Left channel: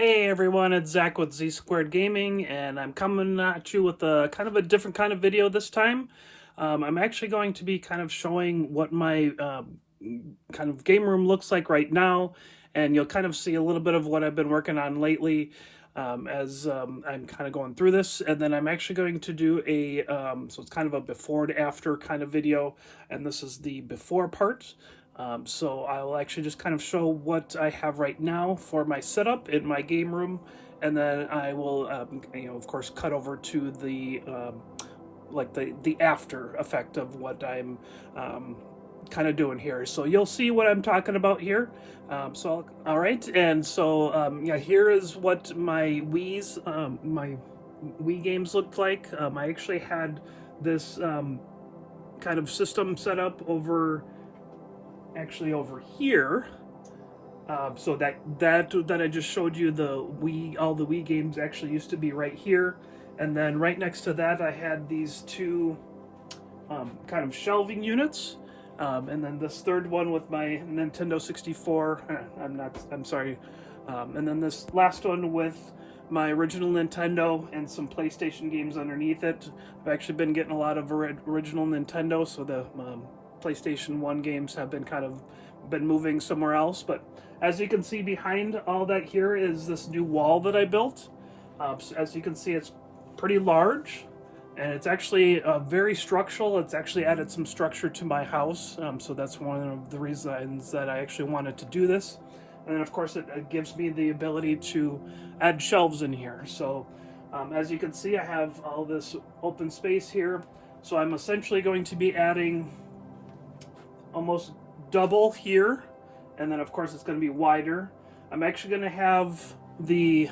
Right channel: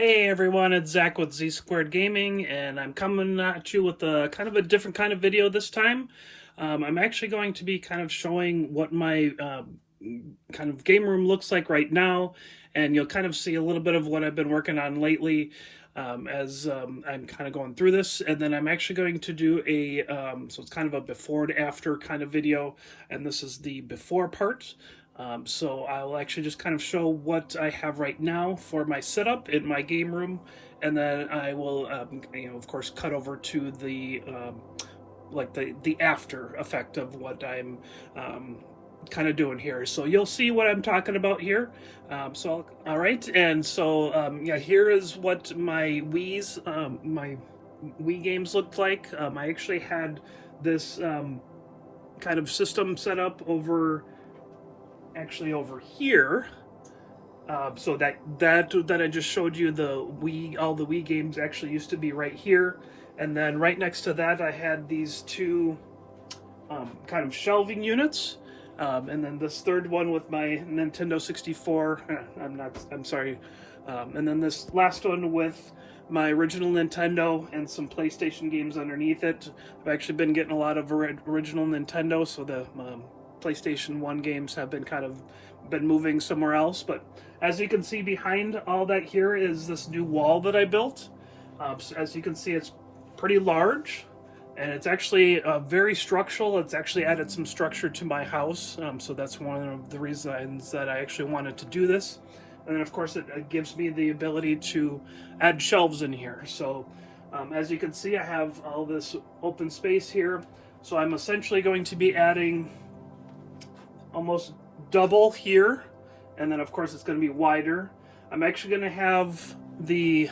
Hey everyone, it's Zach with Z Squared Gaming, and I'm coming at you with a kind of a different kind of video this time. I'm actually going to be kind of showing what my kind of game room looks like right now, and you'll kind of see a little bit of what I've been working on lately as I'm kind of going through this. And then I'm actually going to do so it's kind of a before and after kind of video, and this is the before part. So I'll actually just kind of show what I have right now for my setup in my game room, and then I will, of course, cut over to the like the after effect of what I'm kind of doing here. So you'll see what I'm talking about here. All right, and so yeah, here is what my my Wii games looked like. I actually had this kind of system set up over here. So that I just showed you, all the Wii games actually used to be right here, and then right next to that I had these two kind of shelving units, and then this third one with my Nintendo 64. I'm sorry. And then this last one with my original Nintendo and some PlayStation games underneath it. I've actually been getting a lot of original Nintendo, so the PlayStation 1 games have been moving somewhere else. But as you can see behind all that here is this new wall that I built. So as you can see, it's pretty large, and it's actually very structural. It's actually added some structure to my house, so that's one of the reasons that I actually wanted to do this. And then of course it gives me the ability to add shelves in here. So as you can see, I have all this open space here, so I'm essentially going to be adding almost double here, and then of course it's going to be wider. I'm actually going to have the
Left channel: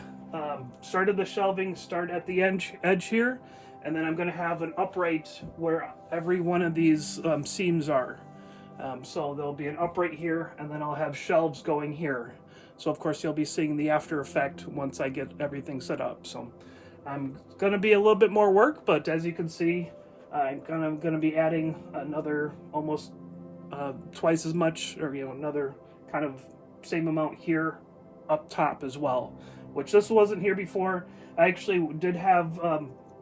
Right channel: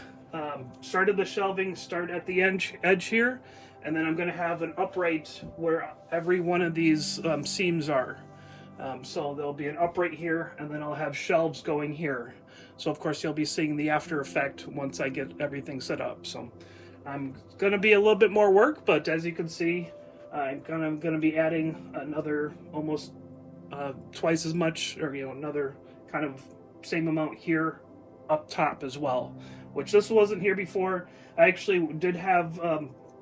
start of the shelving start at the edge here, and then I'm going to have an upright where every one of these seams are. So there'll be an upright here, and then I'll have shelves going here. So of course you'll be seeing the after effect once I get everything set up. So I'm going to be a little bit more work, but as you can see, I'm going to be adding another almost twice as much, or another kind of same amount here up top as well, which this wasn't here before. I actually did have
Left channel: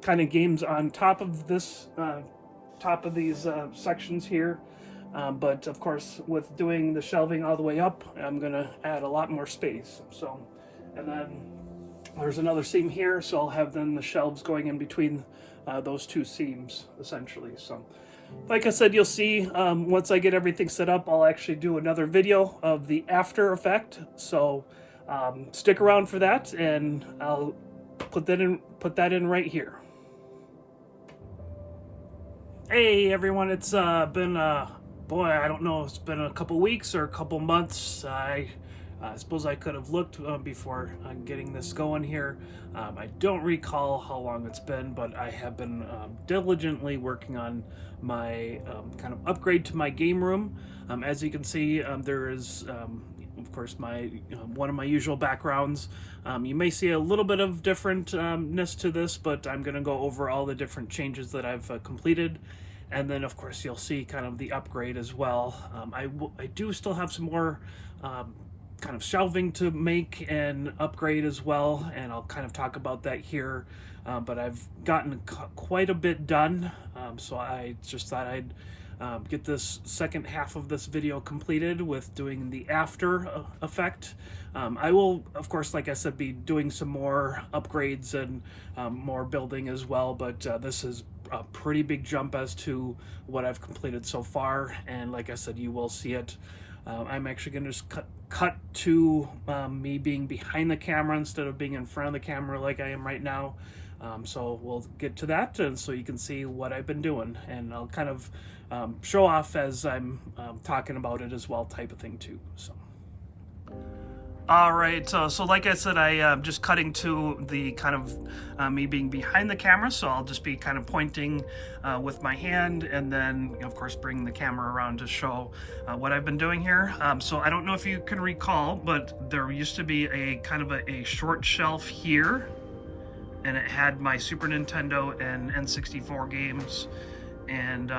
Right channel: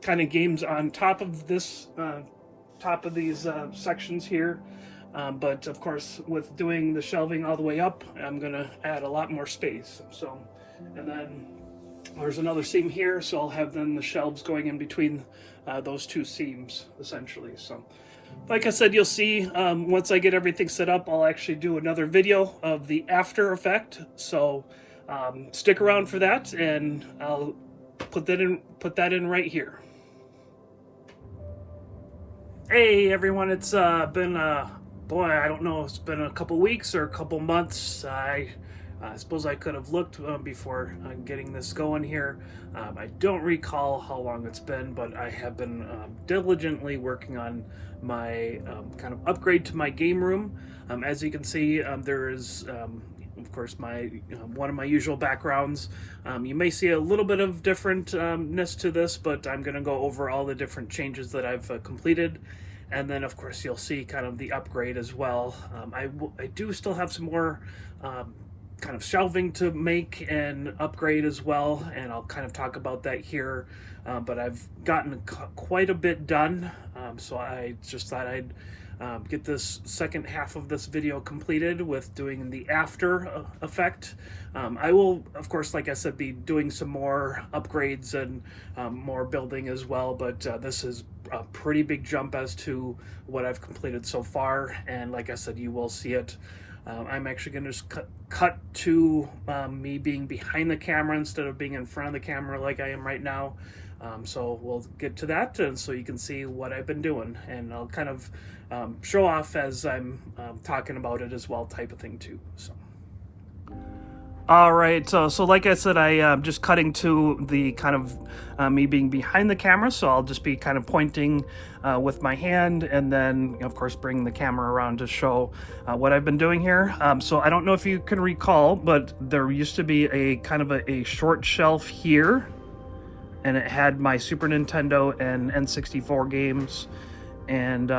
kind of games on top of this top of these sections here, but of course with doing the shelving all the way up, I'm gonna add a lot more space. So, and then there's another seam here, so I'll have then the shelves going in between those two seams essentially. So like I said, you'll see once I get everything set up, I'll actually do another video of the after effect. So stick around for that, and I'll put that in right here. Hey everyone, it's been boy, I don't know, it's been a couple weeks or a couple months. I suppose I could have looked before getting this going here. I don't recall how long it's been, but I have been diligently working on my kind of upgrade to my game room. As you can see, there is, of course, my one of my usual backgrounds. You may see a little bit of differentness to this, but I'm going to go over all the different changes that I've completed. And then, of course, you'll see kind of the upgrade as well. I do still have some more kind of shelving to make and upgrade as well, and I'll kind of talk about that here. But I've gotten quite a bit done, so I just thought I'd get this second half of this video completed with doing the after effect. I will, of course, like I said, be doing some more upgrades and more building as well, but this is a pretty big jump as to what I've completed so far, and like I said, you will see it. I'm actually going to just cut to me being behind the camera instead of being in front of the camera like I am right now. So we'll get to that, and so you can see what I've been doing, and I'll kind of show off as I'm talking about it as well, type of thing too. So. All right, so like I said, I'm just cutting to the kind of me being behind the camera, so I'll just be kind of pointing with my hand, and then of course bring the camera around to show what I've been doing here. So I don't know if you can recall, but there used to be a kind of a short shelf here, and it had my Super Nintendo and N64 games, and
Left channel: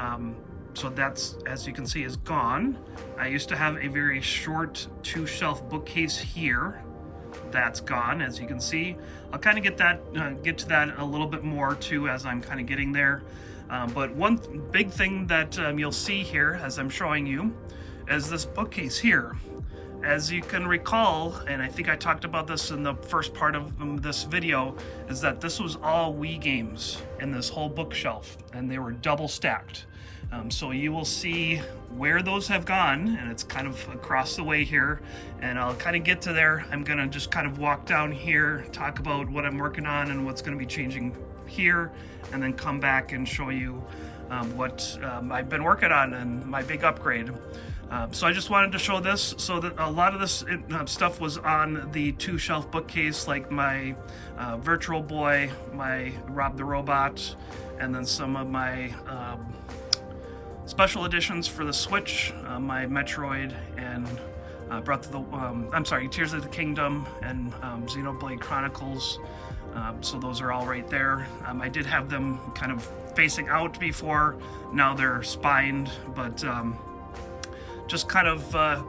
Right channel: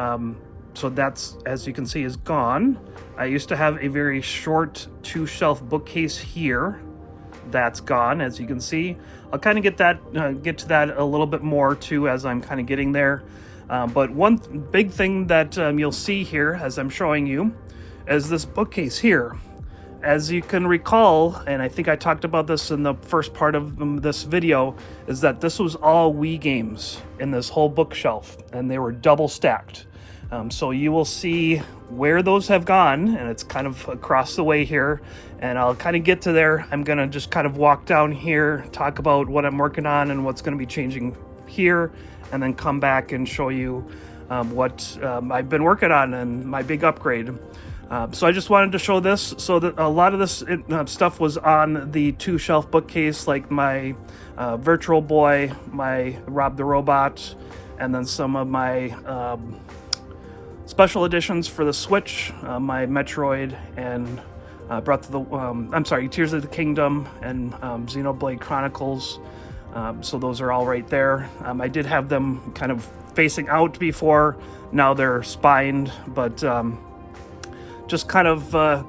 so that's, as you can see, is gone. I used to have a very short two-shelf bookcase here, that's gone, as you can see. I'll kind of get to that a little bit more too as I'm kind of getting there. But one big thing that you'll see here as I'm showing you is this bookcase here. As you can recall, and I think I talked about this in the first part of this video, is that this was all Wii games in this whole bookshelf, and they were double stacked. So you will see where those have gone, and it's kind of across the way here, and I'll kind of get to there. I'm gonna just kind of walk down here, talk about what I'm working on and what's gonna be changing here, and then come back and show you what I've been working on and my big upgrade. So I just wanted to show this, so that a lot of this stuff was on the 2-shelf bookcase, like my Virtual Boy, my Rob the Robot, and then some of my special editions for the Switch, my Metroid and Tears of the Kingdom and Xenoblade Chronicles. So those are all right there. I did have them kind of facing out before, now they're spined, but just kind of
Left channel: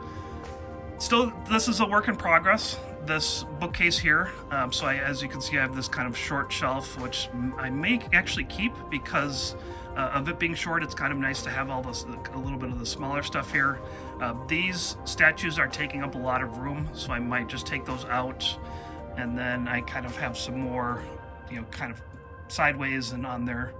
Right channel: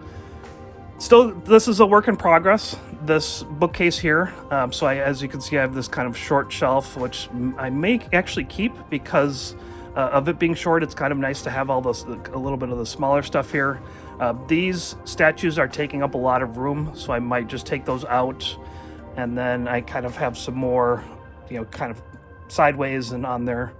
still, this is a work in progress, this bookcase here. So as you can see, I have this kind of short shelf, which I may actually keep because of it being short. It's kind of nice to have all this, a little bit of the smaller stuff here. These statues are taking up a lot of room, so I might just take those out, and then I kind of have some more, you know, kind of sideways and on their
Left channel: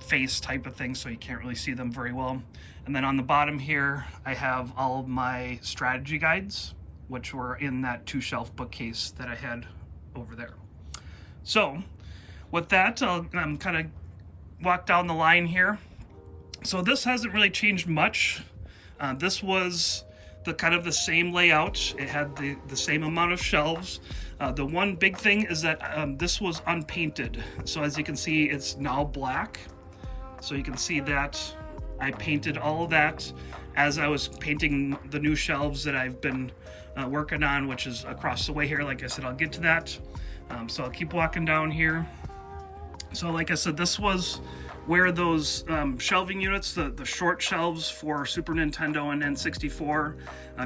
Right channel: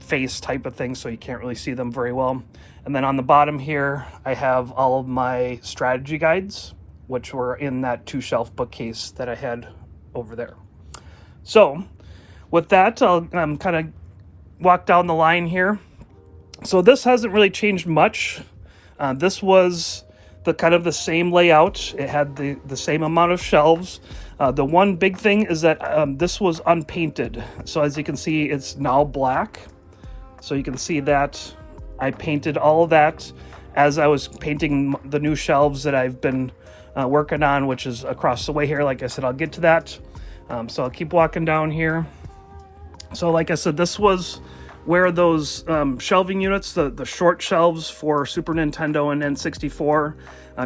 face type of thing, so you can't really see them very well. And then on the bottom here, I have all of my strategy guides, which were in that 2-shelf bookcase that I had over there. So with that, I'll kind of walk down the line here. So this hasn't really changed much. This was the kind of the same layout. It had the same amount of shelves. The one big thing is that this was unpainted. So as you can see, it's now black. So you can see that I painted all of that as I was painting the new shelves that I've been working on, which is across the way here. Like I said, I'll get to that. So I'll keep walking down here. So like I said, this was where those shelving units, the short shelves for Super Nintendo and N64,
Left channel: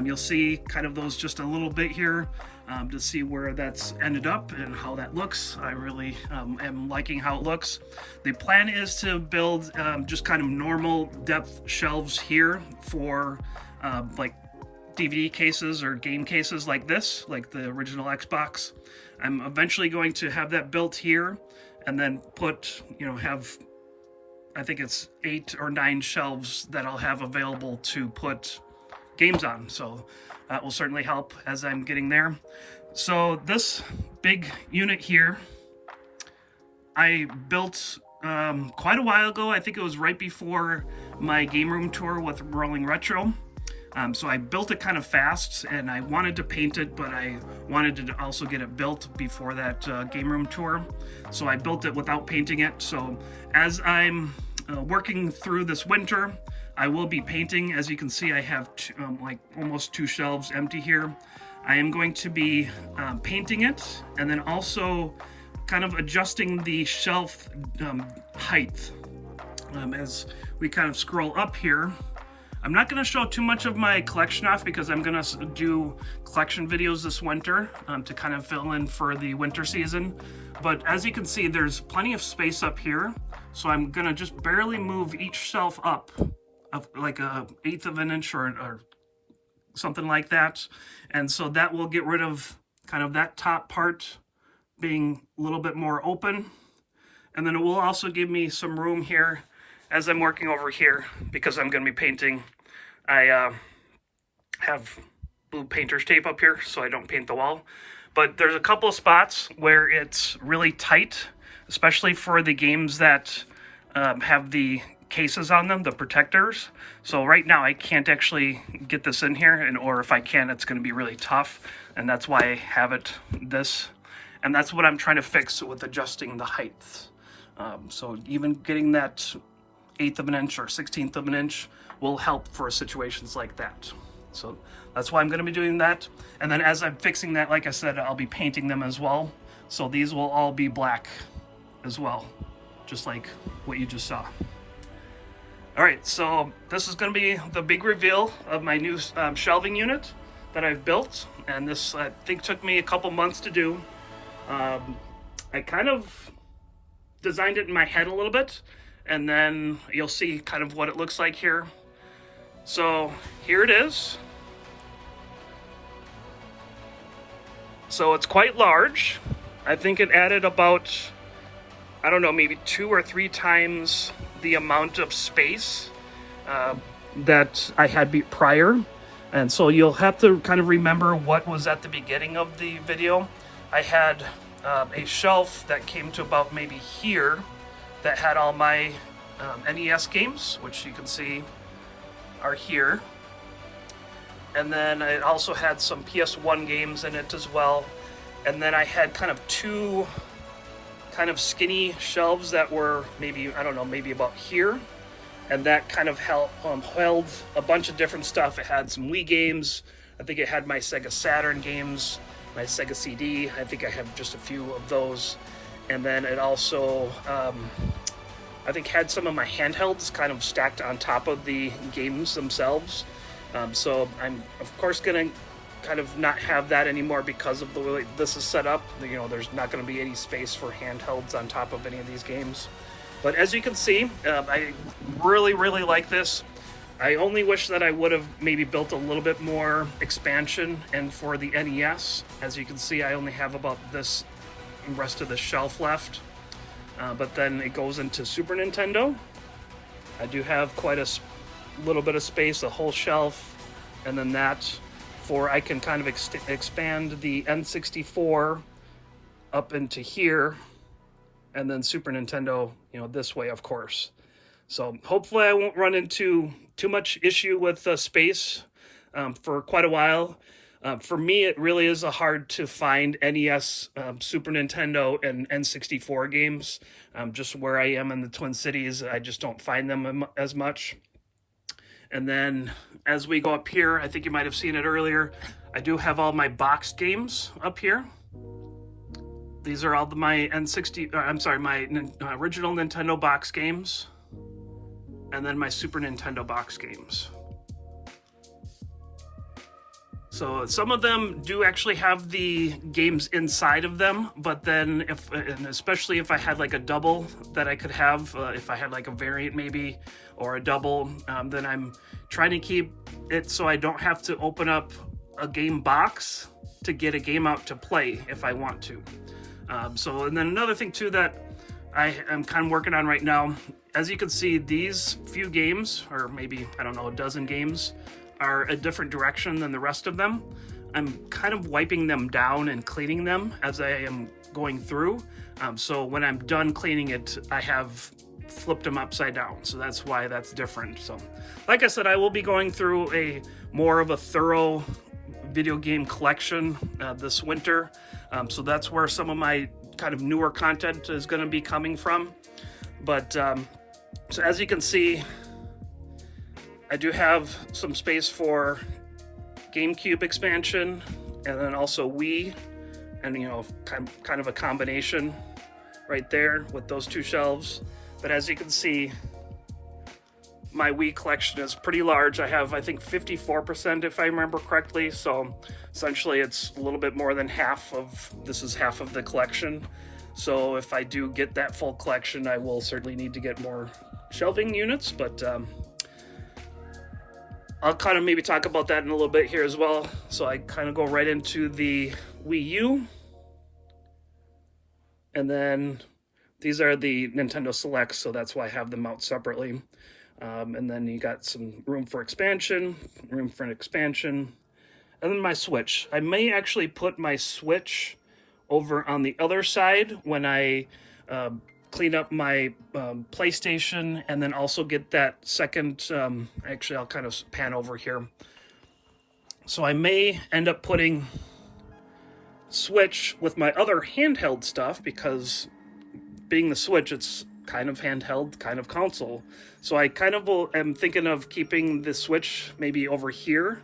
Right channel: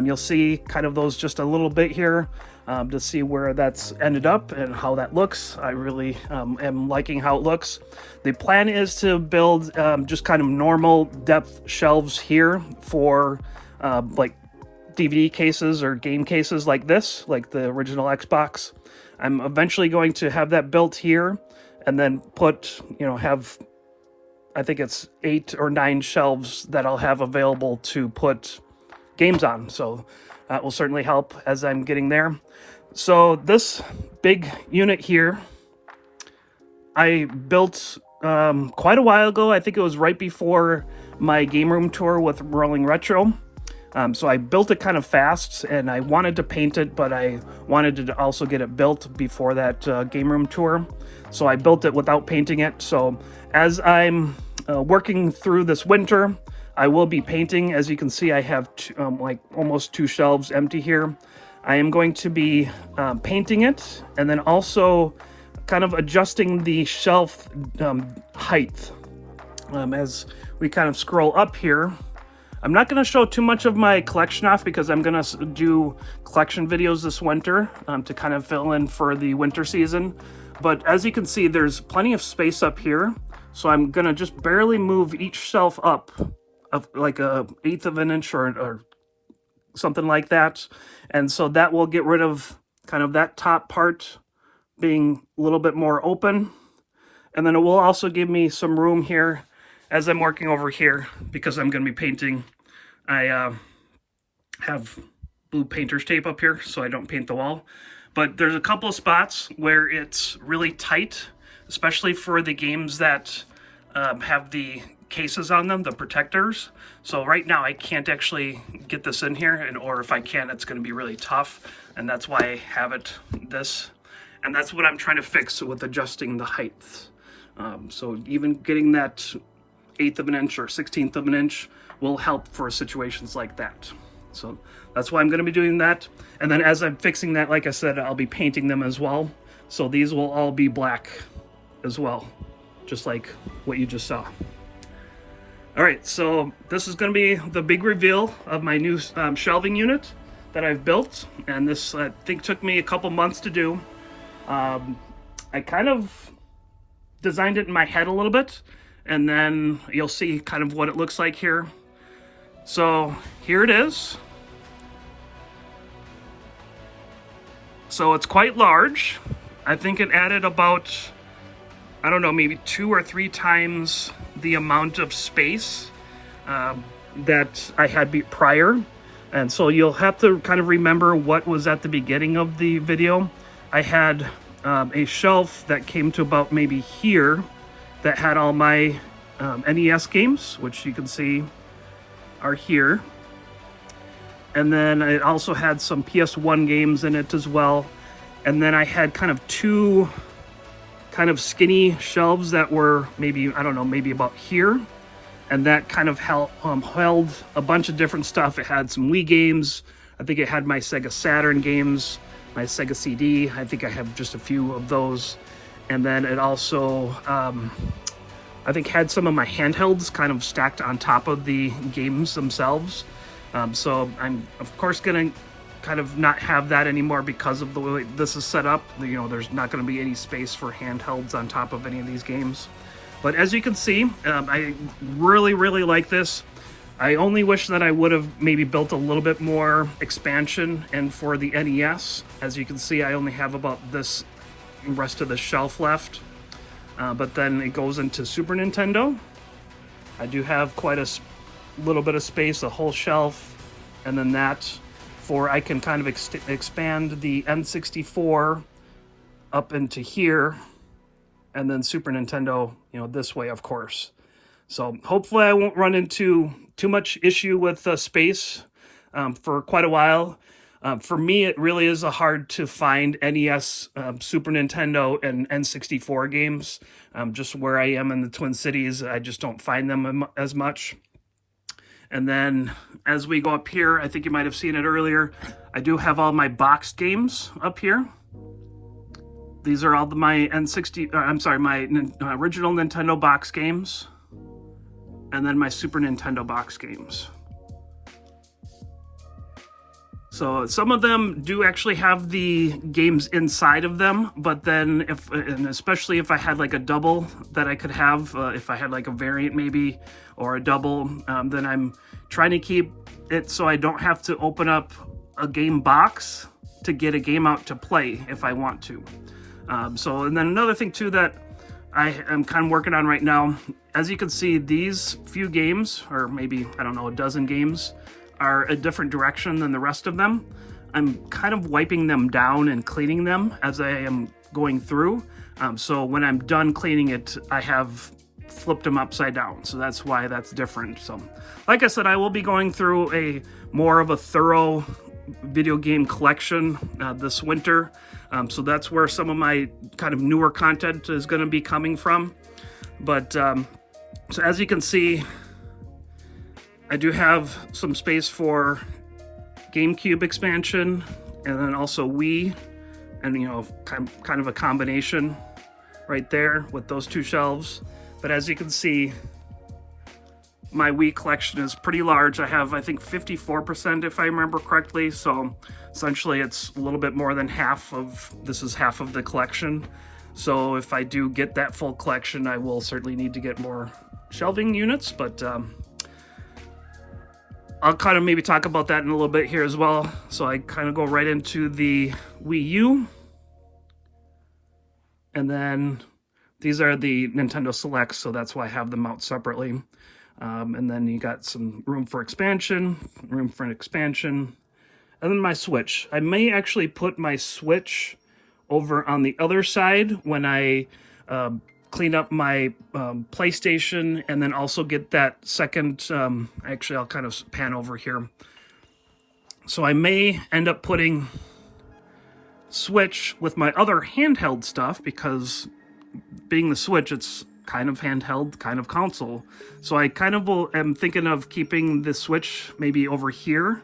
you'll see kind of those just a little bit here to see where that's ended up and how that looks. I really am liking how it looks. The plan is to build just kind of normal depth shelves here for like DVD cases or game cases like this, like the original Xbox. I'm eventually going to have that built here and then put, you know, have, I think it's 8 or 9 shelves that I'll have available to put games on. So that will certainly help as I'm getting there. So this big unit here, I built quite a while ago. I think it was right before my Gameroom tour with Rolling Retro. So I built it kind of fast, and I wanted to paint it, but I wanted to also get it built before that Gameroom tour. So I built it without painting it. So as I'm working through this winter, I will be painting. As you can see, I have like almost 2 shelves empty here. I am going to be painting it, and then also kind of adjusting the shelf height. As we kind of scroll up here, I'm not going to show too much of my collection off because I'm going to do collection videos this winter to kind of fill in for the winter season. But as you can see, there's plenty of space up here. So I'm going to just barely move each shelf up of like a 1/8 of an inch or something like that. And so that will get rid of kind of that top part being a little bit more open. And then it will also give me some room here as I'm working over here, because I'm going to be painting. I have blue painter's tape up here so I don't paint the wall. But there's a couple of spots where it's really tight, especially for the games that have the cases on them, the protectors. So right now I can't actually get this in here, or if I can, it's going to be really tough. And that's why I have it this. And that's what I'm trying to fix with adjusting the height. So even getting that 1/8 of an inch or 1/16 of an inch will help for situations like that. So that's why I'm going to be doing that. And then as I'm fixing that, like I said, I'll be painting them as well. So these will all be black as well, just like what you just saw. All right, so this is going to be the big reveal of my new shelving unit. that I've built, and this I think took me a couple months to do. I kind of designed it in my head a little bit, and then you'll see kind of what it looks like here. So here it is. So it's quite large. I think it added about, I don't know, maybe 2 or 3 times the amount of space that I had prior. And so you'll have to kind of remember what was at the beginning of the video. I had a shelf that came to about maybe here that had all my NES games, which you can see are here. And then I also had some PS1 games in it as well. And then I had kind of 2 kind of skinny shelves that were maybe, I don't know, maybe about here. And that kind of held a bunch of different stuff. It had some Wii games. I think it had my Sega Saturn games, my Sega CD. I think I have just a few of those. And then it also, I think had some of my handhelds kind of stacked on top of the games themselves. So I'm of course gonna kind of not have that anymore because of the way this is set up. You know, there's not gonna be any space for handhelds on top of any of these games. But as you can see, I really like this. I only wish that I would have maybe built a little bit more expansion and for the NES. As you can see, I only have about this rest of the shelf left. But then it goes into Super Nintendo. I do have quite a little bit of space, a whole shelf, and then that for I can kind of expand the N64 up into here, and then Super Nintendo, you know, this way, of course. So hopefully I won't run into too much issue with space for quite a while. For me, it really is hard to find NES, Super Nintendo, and N64 games. Just where I am in the Twin Cities, I just don't find them as much. And then as we go up here, I think you might have seen it earlier, I do have all my boxed games up here. These are all my my original Nintendo box games, and then my Super Nintendo box games. So some of them do actually have the games inside of them, but then and especially if I had like a double that I could have, if I had like a variant maybe, or a double, then I'm trying to keep it so I don't have to open up a game box to get a game out to play if I want to. And then another thing too that I am kind of working on right now, as you can see, these few games, or maybe, I don't know, a dozen games, are a different direction than the rest of them. I'm kind of wiping them down and cleaning them as I am going through. So when I'm done cleaning it, I have flipped them upside down. So that's why that's different. So like I said, I will be going through a more of a thorough video game collection this winter. So that's where some of my kind of newer content is going to be coming from. But so as you can see, I do have some space for GameCube expansion, and then also Wii, and you know, kind of a combination right there with those 2 shelves. But as you can see, my Wii collection is pretty large. I have, I think, 54% if I remember correctly. So essentially it's a little bit more than half of, this is half of the collection. So if I do get that full collection, I will certainly need to get more shelving units, but I'll kind of maybe talk about that in a little bit here as well. So I kind of go right into the Wii U. And then these are the Nintendo Selects, so that's why I have them out separately. And then you got some room for expansion, and then my Switch. I may actually put my Switch over on the other side when I clean up my PlayStation, and then also get that second, actually I'll kind of pan over here. So I may end up putting Switch with my other handheld stuff, because being the Switch, it's kind of handheld, kind of console. So I kind of am thinking of keeping the Switch maybe over here.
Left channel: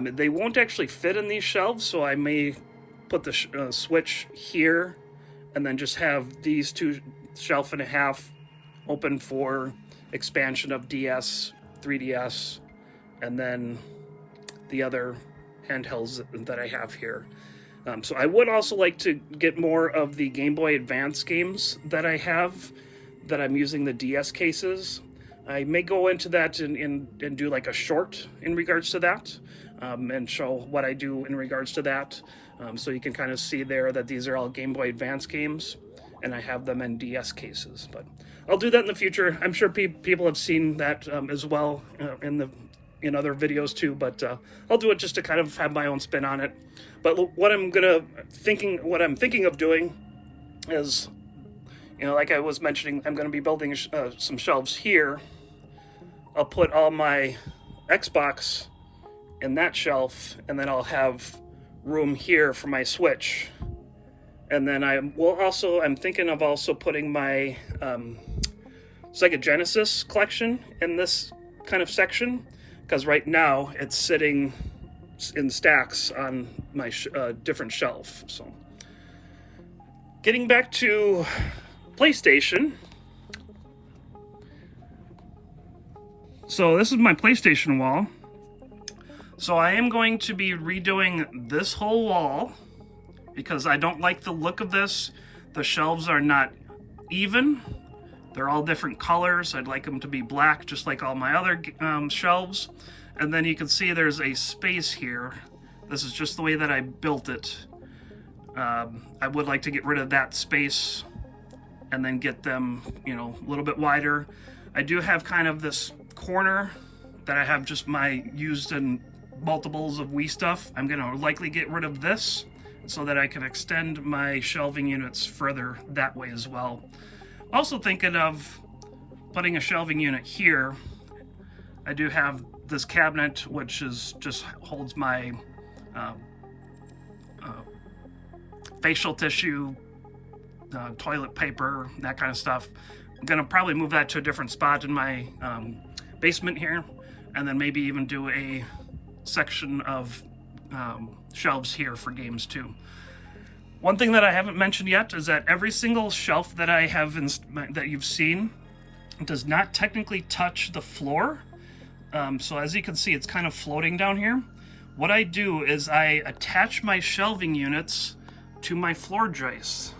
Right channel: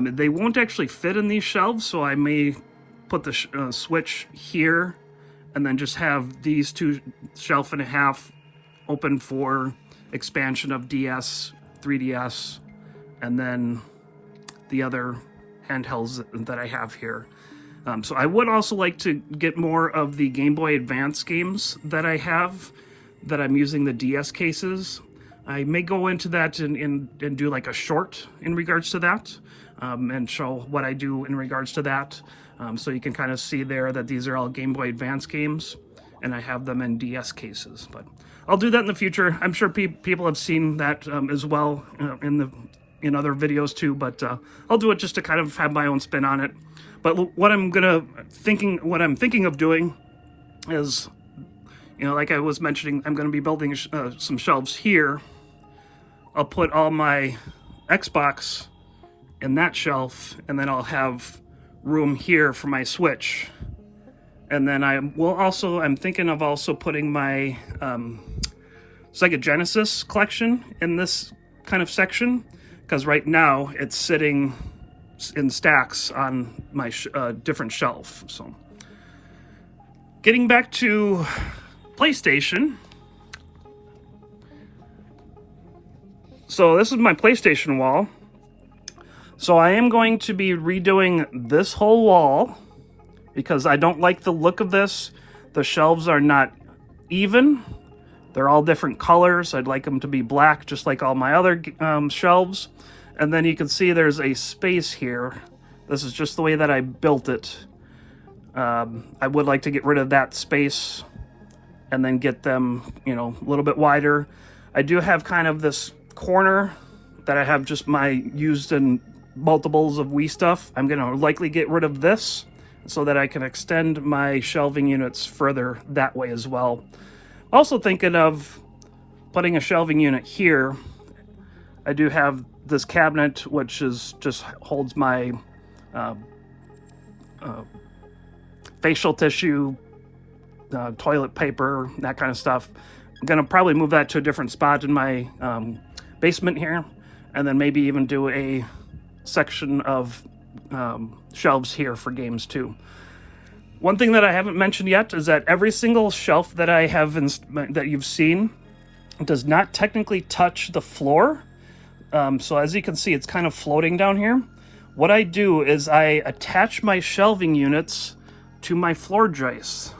They won't actually fit in these shelves, so I may put the Switch here, and then just have these 2 shelf and a half open for expansion of DS, 3DS, and then the other handhelds that I have here. So I would also like to get more of the Game Boy Advance games that I have, that I'm using the DS cases. I may go into that and do like a short in regards to that, and show what I do in regards to that. So you can kind of see there that these are all Game Boy Advance games, and I have them in DS cases. But I'll do that in the future. I'm sure people have seen that as well in other videos too, but I'll do it just to kind of have my own spin on it. But what I'm thinking of doing is, you know, like I was mentioning, I'm going to be building some shelves here. I'll put all my Xbox in that shelf, and then I'll have room here for my Switch. And then I'm thinking of also putting my Sega Genesis collection in this kind of section, because right now it's sitting in stacks on my different shelf. So getting back to PlayStation. So this is my PlayStation wall. So I am going to be redoing this whole wall because I don't like the look of this. The shelves are not even. They're all different colors. I'd like them to be black, just like all my other shelves. And then you can see there's a space here. This is just the way that I built it. I would like to get rid of that space and then get them, you know, a little bit wider. I do have kind of this corner that I have just my used in multiples of Wii stuff. I'm gonna likely get rid of this so that I can extend my shelving units further that way as well. Also thinking of putting a shelving unit here. I do have this cabinet, which is just holds my facial tissue, toilet paper, that kind of stuff. I'm gonna probably move that to a different spot in my basement here, and then maybe even do a section of shelves here for games too. One thing that I haven't mentioned yet is that every single shelf that I have that you've seen does not technically touch the floor. So as you can see, it's kind of floating down here. What I do is I attach my shelving units to my floor joists.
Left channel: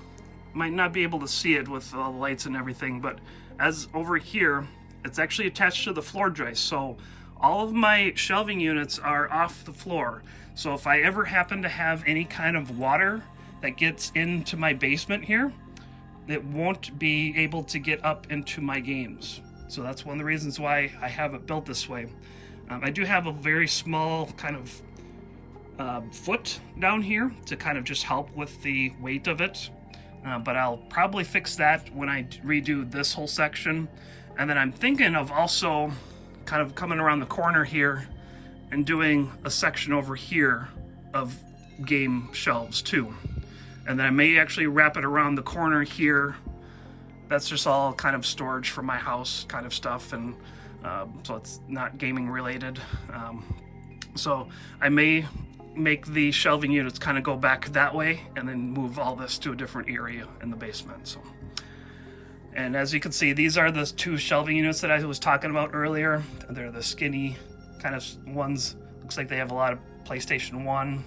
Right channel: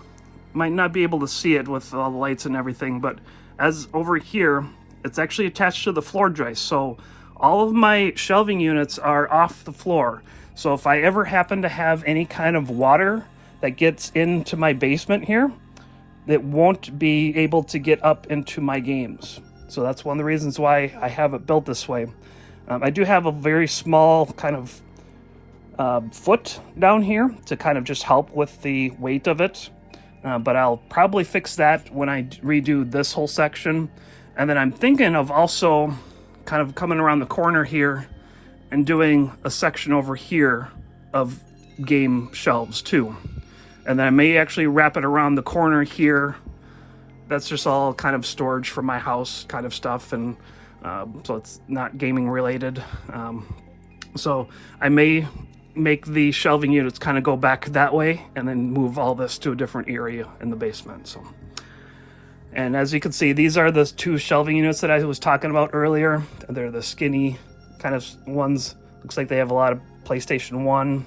Might not be able to see it with all the lights and everything, but as over here, it's actually attached to the floor joist. So all of my shelving units are off the floor. So if I ever happen to have any kind of water that gets into my basement here, it won't be able to get up into my games. So that's one of the reasons why I have it built this way. I do have a very small kind of foot down here to kind of just help with the weight of it. But I'll probably fix that when I redo this whole section. And then I'm thinking of also kind of coming around the corner here and doing a section over here of game shelves too. And then I may actually wrap it around the corner here. That's just all kind of storage for my house kind of stuff, and so it's not gaming related. So I may make the shelving units kind of go back that way and then move all this to a different area in the basement. So, and as you can see, these are the two shelving units that I was talking about earlier. They're the skinny kind of ones. Looks like they have a lot of PlayStation 1.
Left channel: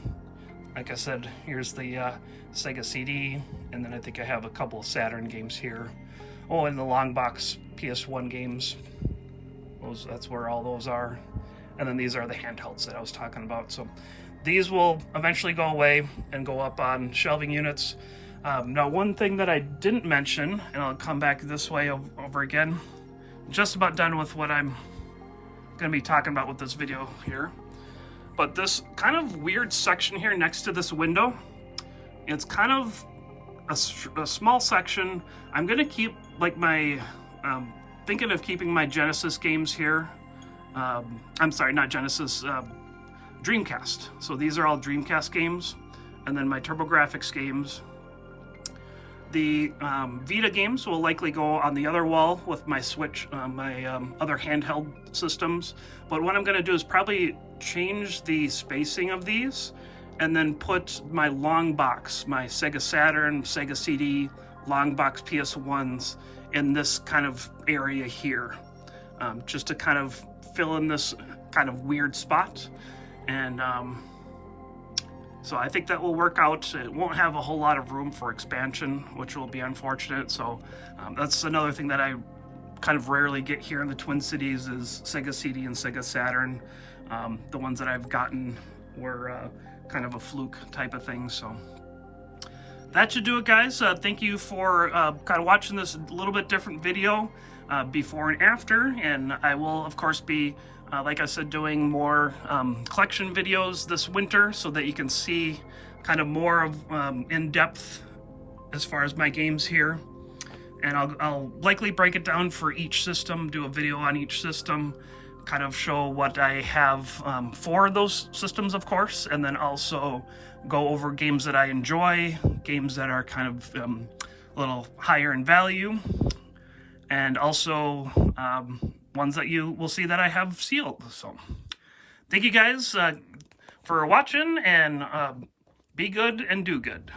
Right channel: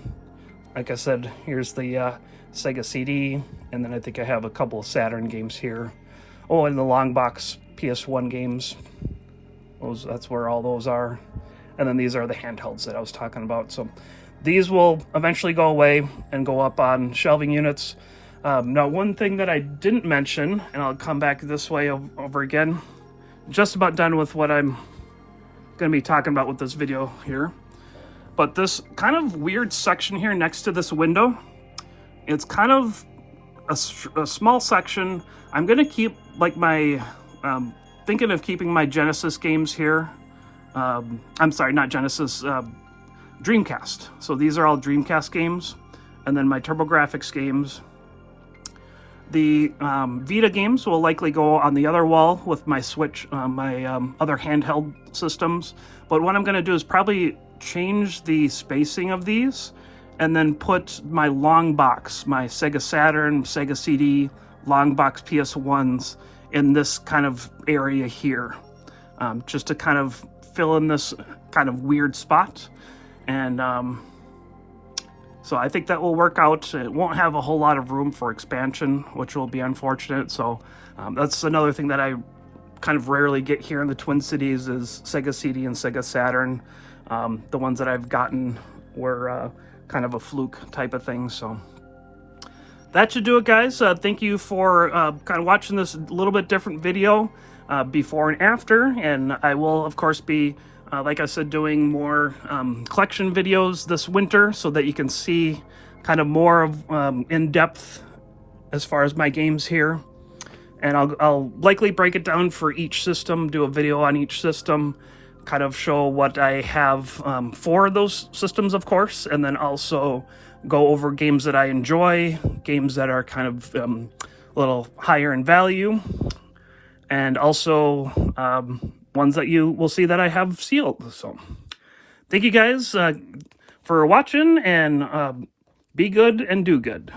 Like I said, here's the Sega CD, and then I think I have a couple of Saturn games here. Oh, and the long box PS1 games. That's where all those are. And then these are the handhelds that I was talking about. So these will eventually go away and go up on shelving units. Now, one thing that I didn't mention, and I'll come back this way over again, just about done with what I'm going to be talking about with this video here. But this kind of weird section here next to this window, it's kind of a small section. I'm going to keep like my, thinking of keeping my Genesis games here. I'm sorry, not Genesis, Dreamcast. So these are all Dreamcast games. And then my TurboGrafx games. The Vita games will likely go on the other wall with my Switch, my other handheld systems. But what I'm going to do is probably change the spacing of these and then put my long box, my Sega Saturn, Sega CD, long box PS1s in this kind of area here, just to kind of fill in this kind of weird spot. And So I think that will work out. It won't have a whole lot of room for expansion, which will be unfortunate. So that's another thing that I kind of rarely get here in the Twin Cities is Sega CD and Sega Saturn. The ones that I've gotten were kind of a fluke type of thing. So that should do it, guys. Thank you for kind of watching this little bit different video before and after. And I will, of course, be like I said, doing more collection videos this winter so that you can see kind of more of in-depth as far as my games here. And I'll likely break it down for each system, do a video on each system, kind of show what I have for those systems, of course, and then also go over games that I enjoy, games that are kind of a little higher in value, and also ones that you will see that I have sealed. So thank you guys for watching, and be good and do good.